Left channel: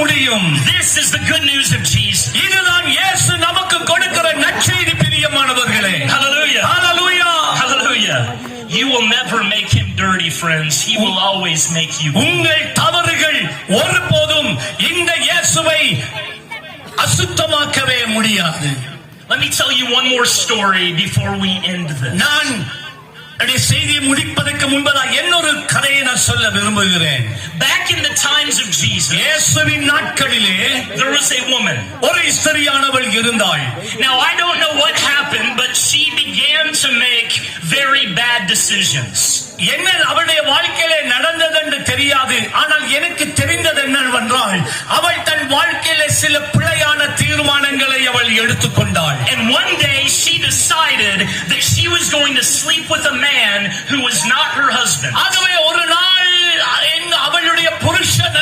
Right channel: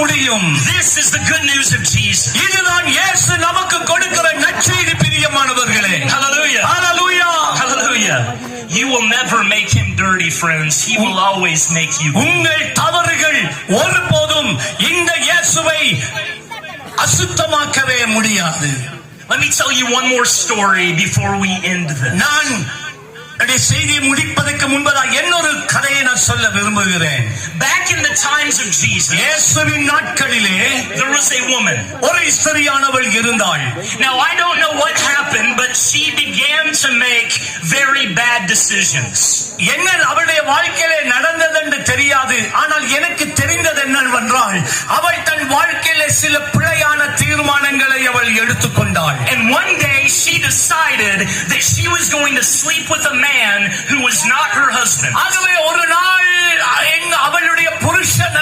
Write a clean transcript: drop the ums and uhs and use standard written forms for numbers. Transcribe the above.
முடியும். This is the good news of Jesus. இதுதான் இயேசு நமக்கு கொடுக்கிற நற்செய்தி பிரியமானவர்களே. Hallelujah. Hallelujah. Hallelujah. You will never make him dirty, friends. He will always make you. உங்கள் தவறுகள் ஒருபோதும் இந்த இயேசுவை அசுத்தமாக்கவே முடியாது. Let me tell you one more story before we end this. நான் செய்தியை முடிப்பதற்கு முன்பதாக இன்னொரு கதையை நான் சொல்ல விரும்புகிறேன். Back in the times of Jesus, இயேசுவின் நாட்களிலே there was a woman. ஒரு ஸ்திரியானவள் இருந்தாள். Now I don't know what happened, but she began to make very bad decisions. என்ன அவளுடைய வாழ்க்கையிலே நடந்தது என்று தெரியாது. ஆனால் எனக்கு தெரிந்தது என்னவென்றால் அவள் தன் வாழ்க்கையிலே சில பிழையான தீர்மானங்களை அவள் எடுத்துக்கொண்டாள். And one day she decided that she was going to sleep with a man who was not her husband. ஆகவே ஒரு நாள் அவளுடைய புருஷன்